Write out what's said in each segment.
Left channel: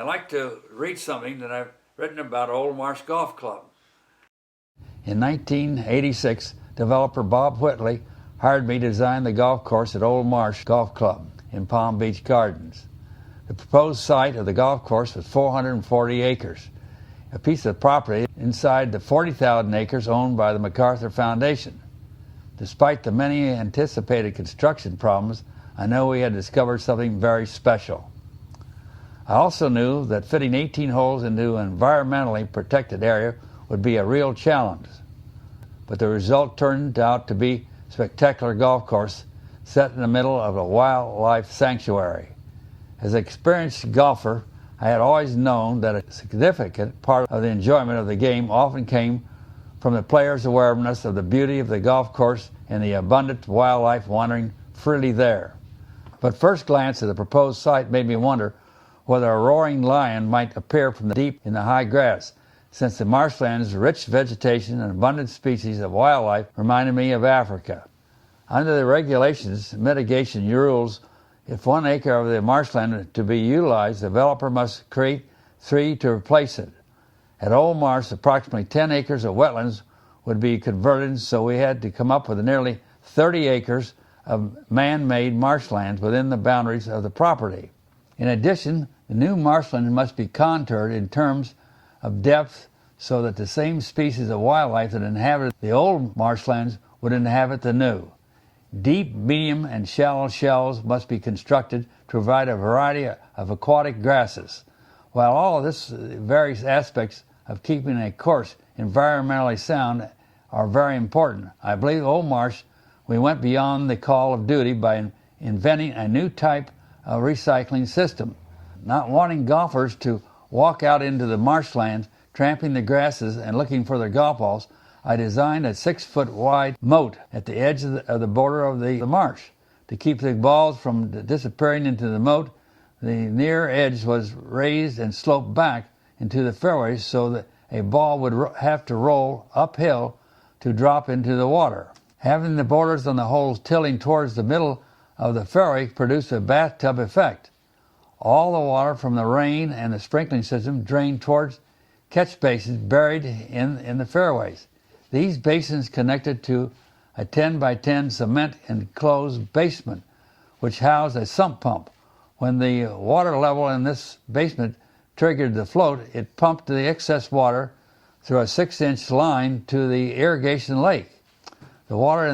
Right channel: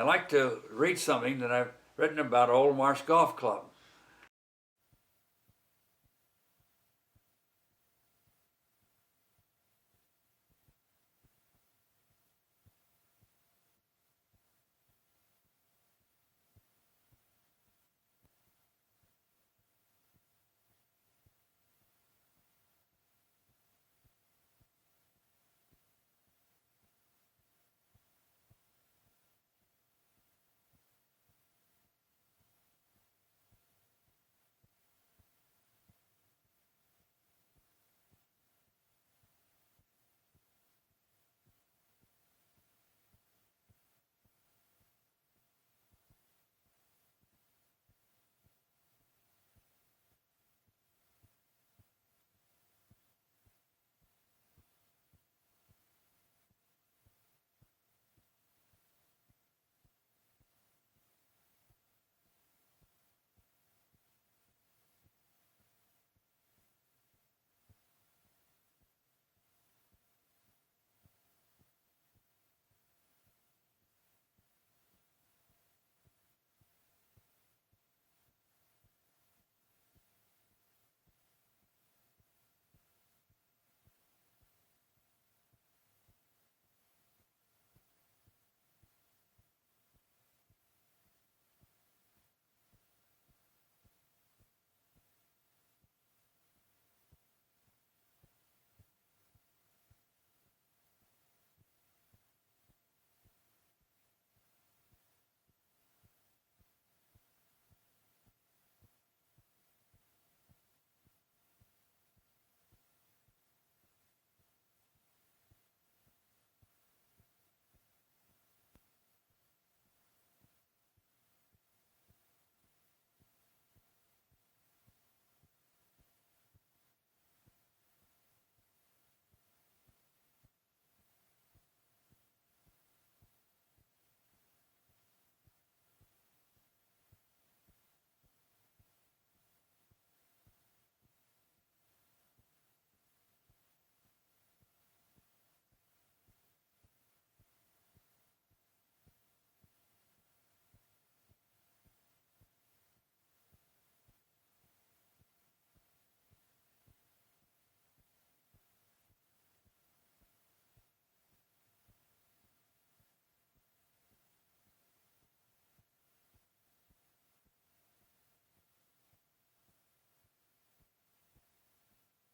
I'd like to read something that I've written about Old Marsh Golf Club. In 1986, developer Bob Whitley hired me to design the golf course at Old Marsh Golf Club in Palm Beach Gardens. The proposed site of the golf course was 440 acres, a piece of property inside the 40,000 acres owned by the MacArthur Foundation. Despite the many anticipated construction problems, I know we had discovered something very special. I also knew that fitting 18 holes into an environmentally protected area would be a real challenge. But the result turned out to be a spectacular golf course set in the middle of a wildlife sanctuary. As an experienced golfer, I had always known that a significant part of the enjoyment of the game often came from the players' awareness of the beauty of the golf course and the abundant wildlife wandering freely there. But first glance at the proposed site made me wonder whether a roaring lion might appear from deep in the high grass, since the marshland's rich vegetation and abundant species of wildlife reminded me of Africa. Under the regulations, mitigation rules, if 1 acre of the marshland is to be utilized, the developer must create 3 to replace it. At Old Marsh, approximately 10 acres of wetlands would be converted, so we had to come up with nearly 30 acres of man-made marshlands within the boundaries of the property. In addition, the new marshland must be contoured in terms of depth so that the same species of wildlife that inhabited the old marshlands would inhabit the new. Deep, medium, and shallow shells must be constructed to provide a variety of aquatic grasses. While all of this various aspects of keeping a course environmentally sound are very important, I believe Old Marsh we went beyond the call of duty by inventing a new type of recycling system. Not wanting golfers to walk out into the marshlands, tramping the grasses and looking for their golf balls, I designed a 6-foot wide moat at the edge of the border of the marsh. To keep the balls from disappearing into the moat, the near edge was raised and sloped back into the fairways so that a ball would have to roll uphill to drop into the water. Having the borders on the holes tilting towards the middle of the fairway produced a bathtub effect. All the water from the rain and the sprinkling system drained towards catch basins buried in the fairways. These basins connected to a 10 by 10 cement enclosed basement, which housed a sump pump. When the water level in this basement triggered the float, it pumped the excess water through a 6-inch line to the irrigation lake. The water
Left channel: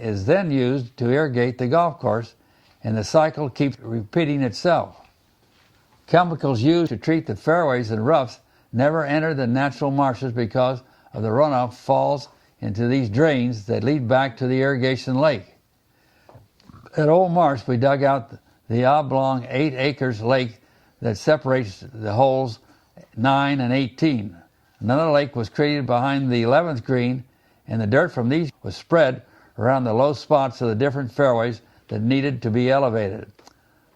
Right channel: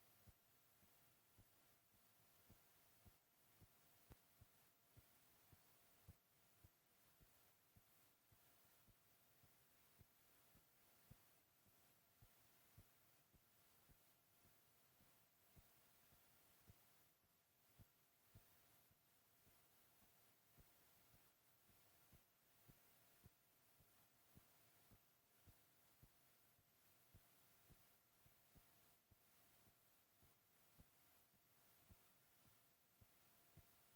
is then used to irrigate the golf course, and the cycle keeps repeating itself. Chemicals used to treat the fairways and roughs never enter the natural marshes because of the runoff falls into these drains that lead back to the irrigation lake. At Old Marsh, we dug out the oblong 8 acres lake that separates the holes 9 and 18. Another lake was created behind the 11th green, and the dirt from these was spread around the low spots of the different fairways that needed to be elevated.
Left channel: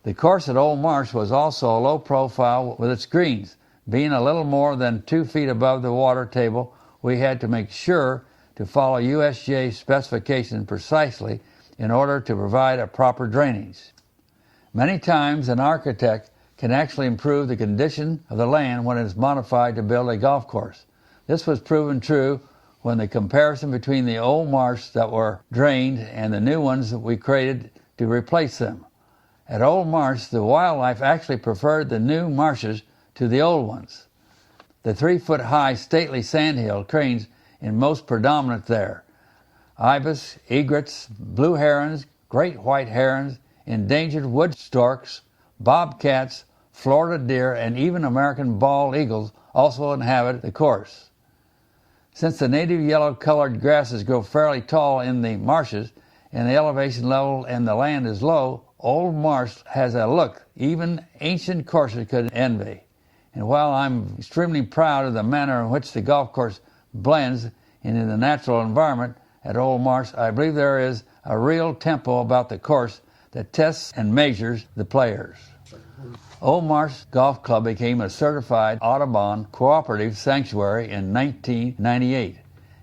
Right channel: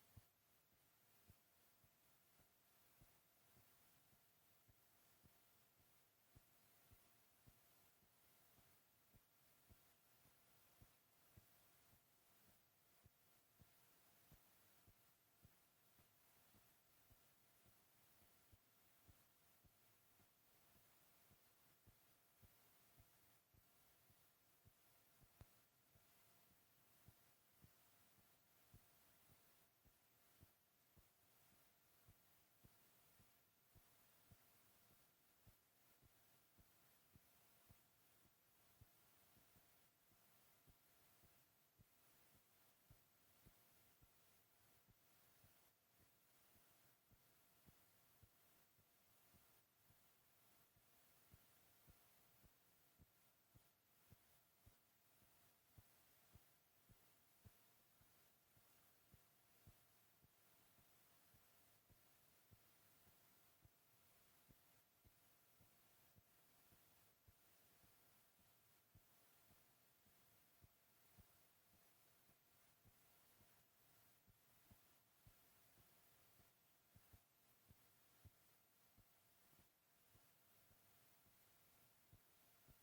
The course at Old Marsh was also a low profile with its greens. Being a little more than 2 feet above the water table, we had to make sure to follow USGA specifications precisely in order to provide a proper drainage. Many times an architect can actually improve the condition of the land when it is modified to build a golf course. This was proven true when the comparison between the old marshes that were drained and the new ones that we created to replace them. At Old Marsh, the wildlife actually preferred the new marshes to the old ones. The 3-foot-high stately sandhill cranes are most predominant there. Ibis, egrets, blue herons, great white herons, endangered wood storks, bobcats, Florida deer, and even American bald eagles also inhabit the course. Since the native yellow-colored grasses grow fairly tall in the marshes and the elevation level and the land is low, Old Marsh has a look even ancient courses could envy. And while I'm extremely proud of the manner in which the golf course blends into the natural environment at Old Marsh, I believe there is a real tempo about the course that tests and measures the players. Old Marsh Golf Club became a certified Audubon cooperative sanctuary in 1998,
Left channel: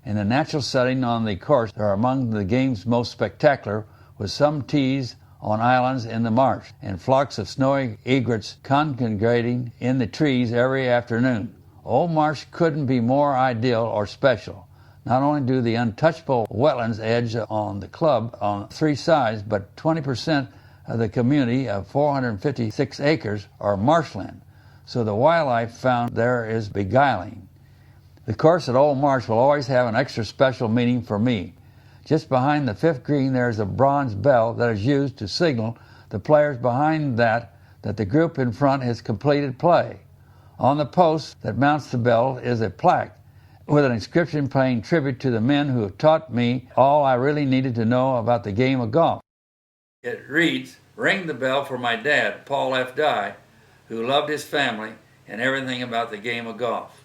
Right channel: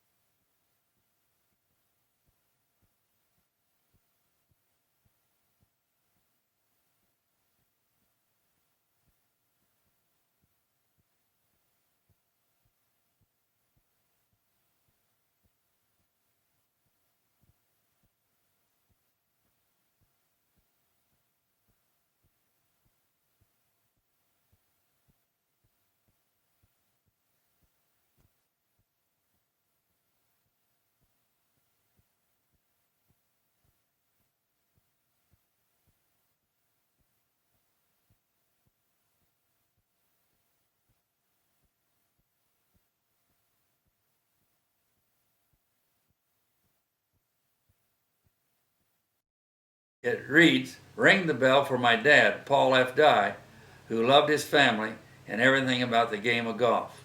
and the natural setting on the course are among the game's most spectacular, with some tees on islands in the marsh, and flocks of snowy egrets congregating in the trees every afternoon. Old Marsh couldn't be more ideal or special. Not only do the untouchable wetlands edge on the club on three sides, but 20% of the community of 456 acres are marshland, so the wildlife found there is beguiling. The course at Old Marsh will always have an extra special meaning for me. Just behind the fifth green there is a bronze bell that is used to signal the players behind that the group in front has completed play. On the post that mounts the bell is a plaque with an inscription paying tribute to the men who have taught me all I really needed to know about the game of golf. It reads, "Ring the bell for my dad, Paul F. Dye, who loved his family and everything about the game of golf."